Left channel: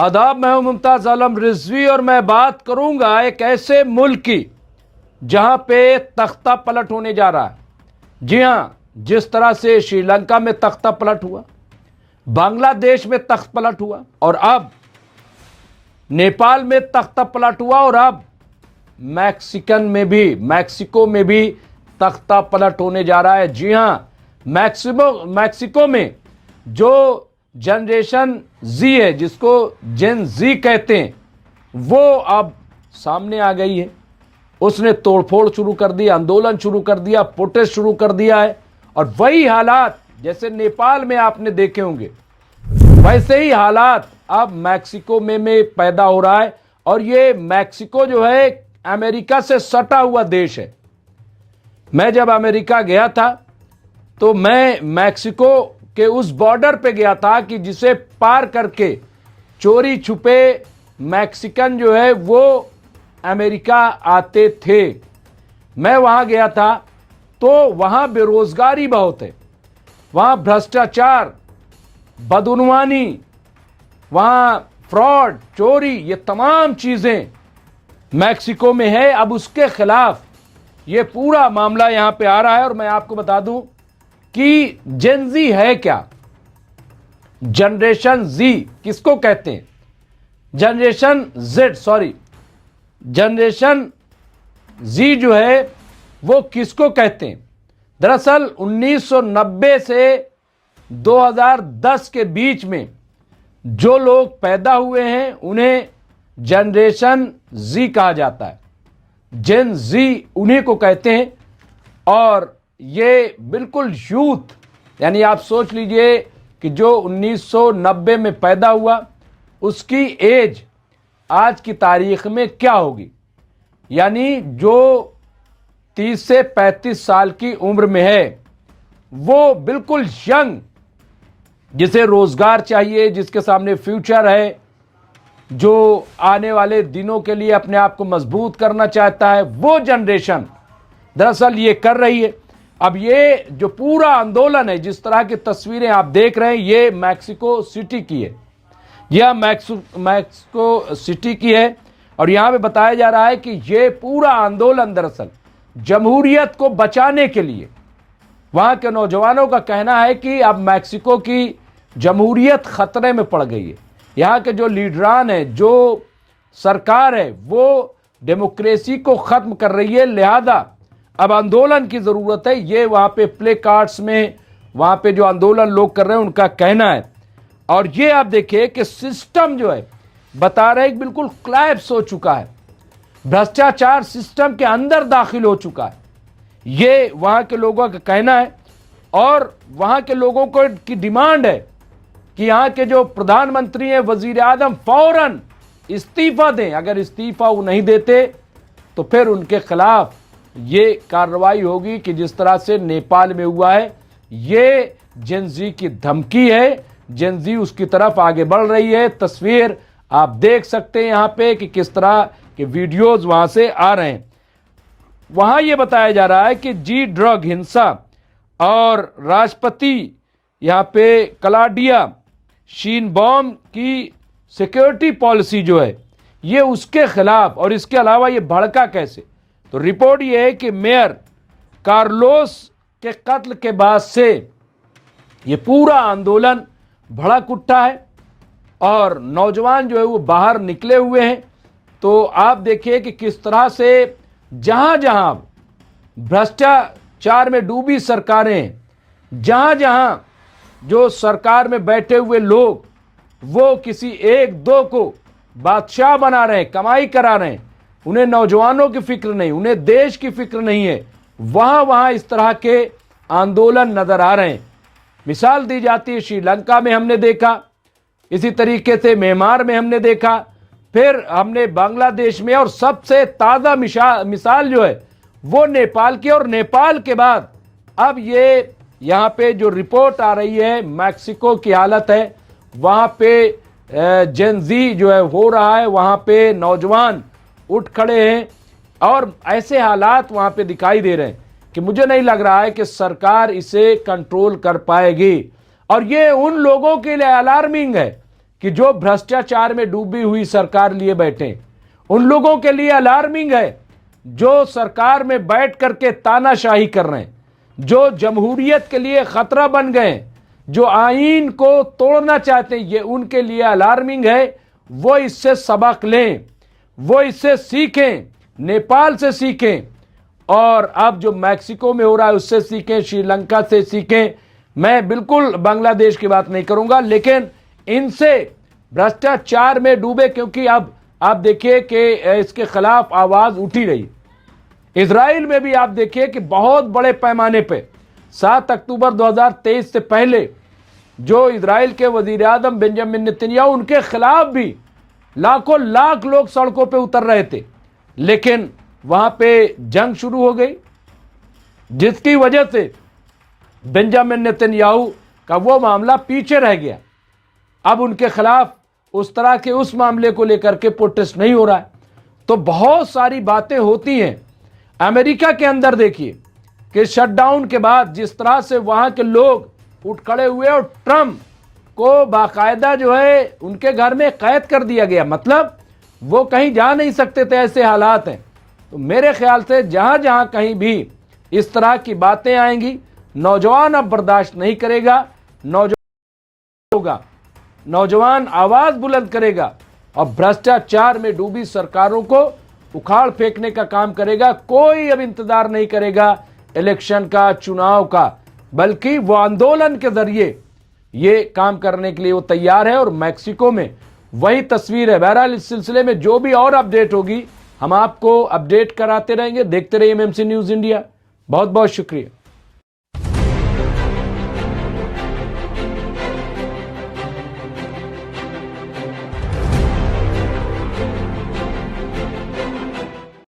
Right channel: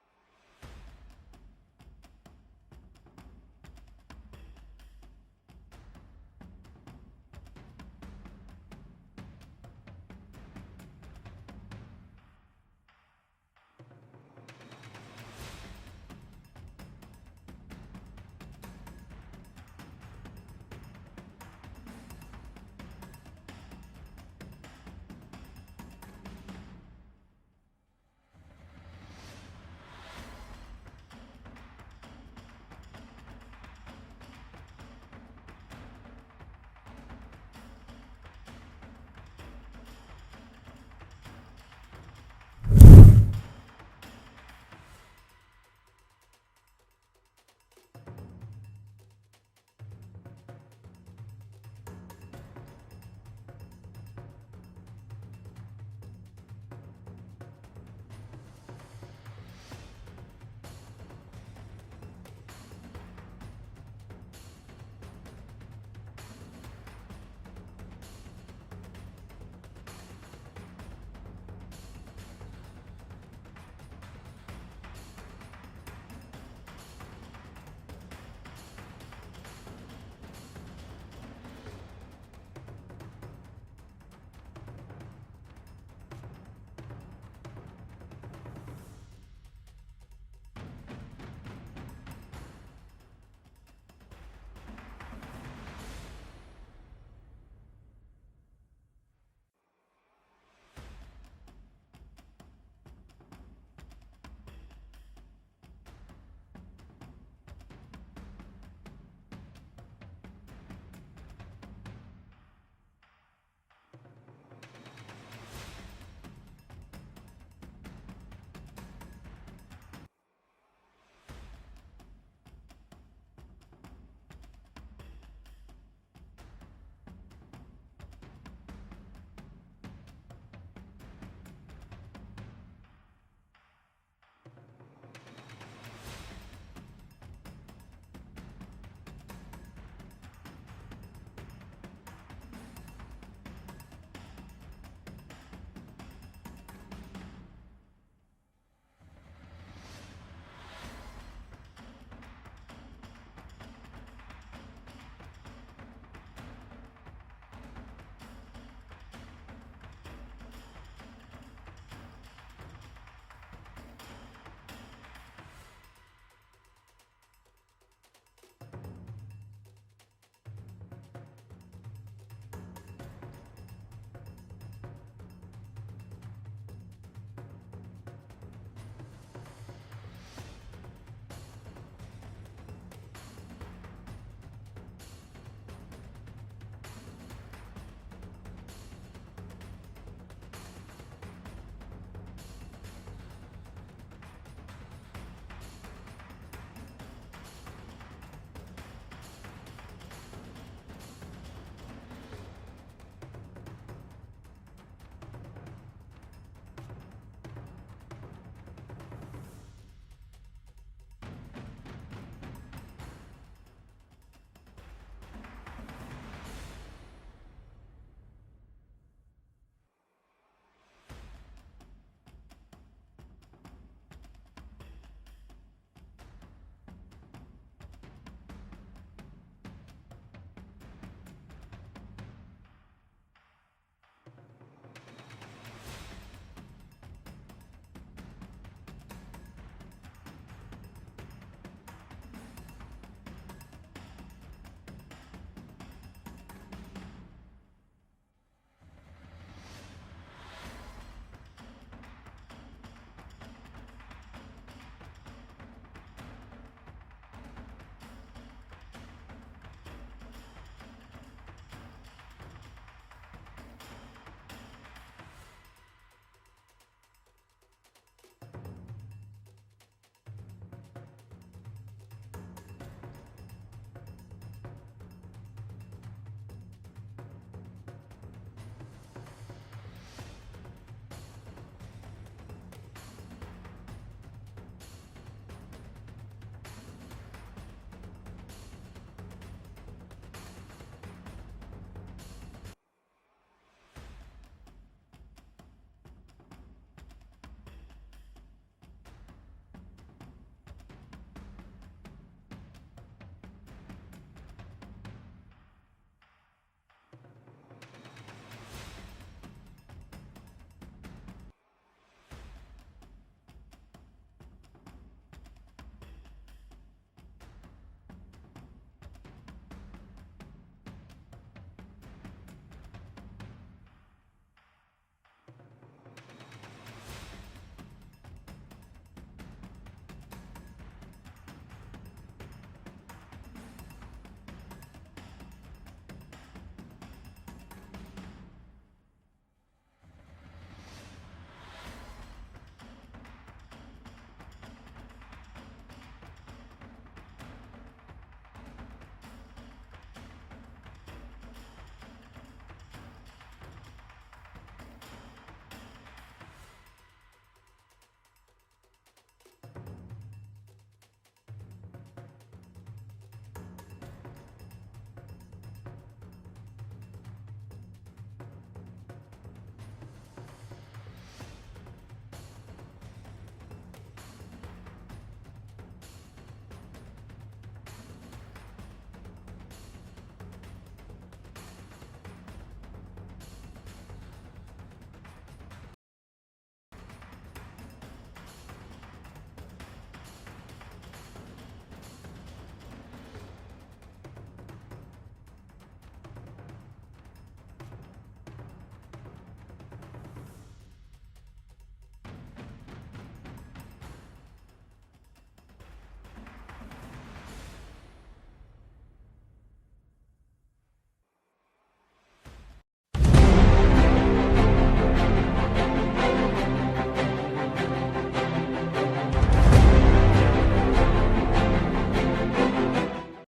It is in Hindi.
आदाब, मैं हूं मुमताज आलम रिजवी और मैं बात करूंगा एक ऐसे मुल्क की जहां पे तख्ता पलट होने जा रहा है। जी हां, जिस तरह से श्रीलंका में तख्ता पलट हुआ, बांग्लादेश में तख्त पलट हुआ और अब नेपाल में तख्ता पलट हुआ और अब मैक्सिको में भी तख्ता पलट होने जा रहा है। जी हां, मैक्सिको में जो जनरेशन जी है, जिसको जेन जी कहते हैं, वो अब सामने आ गई है। उसने तोड़फोड़ शुरू कर दी, आंदोलन शुरू कर दिया, प्रोटेस्ट शुरू कर दिया है और वही हालात जैसे नेपाल में आपने देखे होंगे, वैसे ही हालात अब मैक्सिको में पैदा हो रहा है। और ये मैक्सिको जो है अमेरिका से सटा हुआ देश है। मैं जब अमेरिका गया था तो मैं मैक्सिको के उस बॉर्डर पे गया था कि जिसे पार करके चोरी छुपे मैक्सिकन जो है वो अमेरिका आते थे। मैं वहां गया था तो वहां बेरोजगारी बहुत है, वहां भ्रष्टाचार, बदउनवानी, वहां फ्रॉड, चोरी, ये तमाम चीजें मैक्सिको में है। अब उसके खिलाफ ये पूरा मामला यहां पे आ रहा है और मैं आपको बता दूं कि जेन जी है क्या, जनरेशन जी किसको कहते हैं, जनरेशन जी जो है वो किसको कहते हैं। दरअसल 1990 से 2010 के बीच में जो लोग पैदा हुए हैं उन्हें जनरेशन जी कहा जाता है। जेन जी उन्हीं को कहते हैं और ये बिल्कुल यूथ, यानी आप सोच लीजिए कि जो 1990 में पैदा हुआ उसकी एज आज की तारीख में क्या होगी, यानी जो 30 से 35 साल की उम्र में है वो बिल्कुल यंग, जिसे रोजगार चाहिए, जिसके सामने फ्यूचर है, जो आने वाले दिनों के लिए अपने आप को मजबूत करना चाहता है, वो जनरेशन दरअसल ये कर रही है। अब ये जो पूरा आंदोलन है, जिस तरह की तस्वीरें आप देख रहे हैं, ये मैक्सिको सिटी की है। यह मैक्सिको सिटी की है और यहां पे बताया जा रहा है कि ये पूरा आंदोलन दरअसल जमहूरियत को बचाने के लिए, वहां के नौजवानों का कहना है कि अब मैक्सिको की जमहूरियत खतरे में पड़ गई है। यहाँ के जो लीडरान है, जो सरकार है, वो डेमोक्रेसी को खत्म कर रही है, लिहाजा अब आंदोलन की जरूरत है। ये वहां पे प्ले कार्ड्स में वहां पे जो आंदोलन लोग कर रहे हैं उनका कहना है। और ये आप देखिए कि सिस्टम जो है बता रहे हैं बिल्कुल कोलैप्स हो चुका है, भ्रष्टाचार सिस्टम के अंदर दाखिल हो चुका है, ये वहां के लोगों का कहना है। और वहां के लोगों को की डिमांड है कि यहाँ के जो प्रधानमंत्री हैं, वजीर आजम, फौरन इस्तीफा दें। अगर इस्तीफा वो नहीं देते तो फिर उनके खिलाफ ये कार्रवाई होगी कि जिस तरह से नेपाल में हुआ है। ये जेन जी की धमकी है, जेन जी उसकी तरफ आगे बढ़ रही है। तस्वीर आप देख सकते हैं यहाँ पे कि किस तरह के वीडियोज वहां से आ रहे हैं। वहां ये बताया जा रहा है कि जी ड्रग हिंसा और राष्ट्रपति यहाँ पे क्लॉडिया शीनबॉम की सिक्योरिटी पॉलिसी जो है ये उसके खिलाफ, और इसके अलावा ये भड़का कैसे। तो रिपोर्ट ये है कि मेयर कार्लोस के कत्ल के बाद से ये पूरा आंदोलन भड़क उठा है और नौजवान जो है वो बाहर निकले हुए हैं। तो आप देखिए कि किस तरह से जहां जहां भ्रष्टाचार में डूबी सरकारें, जहां जहां जो सरकार में बैठे हुए लोग वो किसी एक दो को बादशाह बना रहे हैं, कमाई करा रहे हैं, उन्हें नौजवानों की फिक्र नहीं, उन्हें देश की फिक्र नहीं है, वहां वहां इस तरह के आंदोलन नजर आ रहे हैं। मिसाल दी जाती है, श्रीलंका में हमने देखा, इसी तरीके से म्यांमार में हमने देखा, फिर हमने बांग्लादेश में, और सबसे ताज़ा मिसाल जो है वो नेपाल की। और नेपाल के बाद अब ये यहाँ पे जो रिपोर्ट आ रही है मैक्सिको की हालत है, वहाँ पे जेन जी जो है हो रहा है, वहाँ पे नौजवान उठ खड़े हैं और ऐसे हालात वहाँ पे दिखाई दे रहे हैं कि मुझे नहीं लग रहा है कि सरकार इसे कंट्रोल कर पाएगी। और ये उन लोगों के लिए अलार्मिंग है कि जो भ्रष्टाचार में डूबी हुई सरकार लिए बैठे, उन लोगों के लिए अलार्मिंग है जो सरकार में बैठ करके तानाशाही कर रहे हैं, जो जमहूरियत के लिए खतरा बन गए, जो आईन को तोड़ना चाहते हैं। ये उनके लिए अलार्मिंग है। वो इससे सबक लें, वो इससे सीखें, नेपाल से सीखें, और अब जो मैक्सिको में हो रहा है उससे सीखें, श्रीलंका से सीखें। मैं बिल्कुल बांग्लादेश की बात नहीं करूंगा, लेकिन इनसे भ्रष्टाचार में डूबे, क्योंकि अब आप देखिए कि इसके खिलाफ आवाज उठी रही। इजराइल में भी आप देखिए कि बहुत बड़े पैमाने पे 7 अक्टूबर 2023 से पहले जो इजराइल के वजीर आजम बेंजामिन नेतन्याहू, उनके खिलाफ भी लाखों लाख लोग सड़कों पे उतर रहे थे, लेकिन वहां पे जंग शुरू हो गई, जिसकी वजह से बेंजामिन नेतन्याहू का वो मामला पीछे रह गया। अब उनके खिलाफ उस तरह के उस मामले को लेकर के प्रोटेस्ट नहीं हो रहा है। तो बहुत सारी बातें होती हैं। अमेरिका के अंदर देखिए कि शटडाउन के बाद जिस तरह से वहां के लोग उठ खड़े हुए और ट्रम्प को बाकायदा जो है उनके घर में कैद कर दिया गया, मतलब वो कहीं जा नहीं सकते थे, ऐसे हालात हैं। तो मेरे ख्याल से जहां जहां कहीं भी इस तरह की बातें आएंगी, नौजवान अब बर्दाश्त नहीं करेगा, नौजवान आवाज बुलंद करेगा और भ्रष्टाचार में डूबी सरकारों को उखाड़ फेंकने का काम करेगा। कोई अब इंतजार नहीं करेगा इलेक्शन का, चुनाव का, बल्कि वो आंदोलन के जरिए ये काम करने के लिए वो तैयार है। और मैक्सिको में वही तस्वीर है। बहरहाल इस सिलसिले में जो भी और अपडेट होगी हम आपको अपडेट कराते रहेंगे। देखते रहिए एमएमसी न्यूज इंडिया। बहुत बहुत शुक्रिया।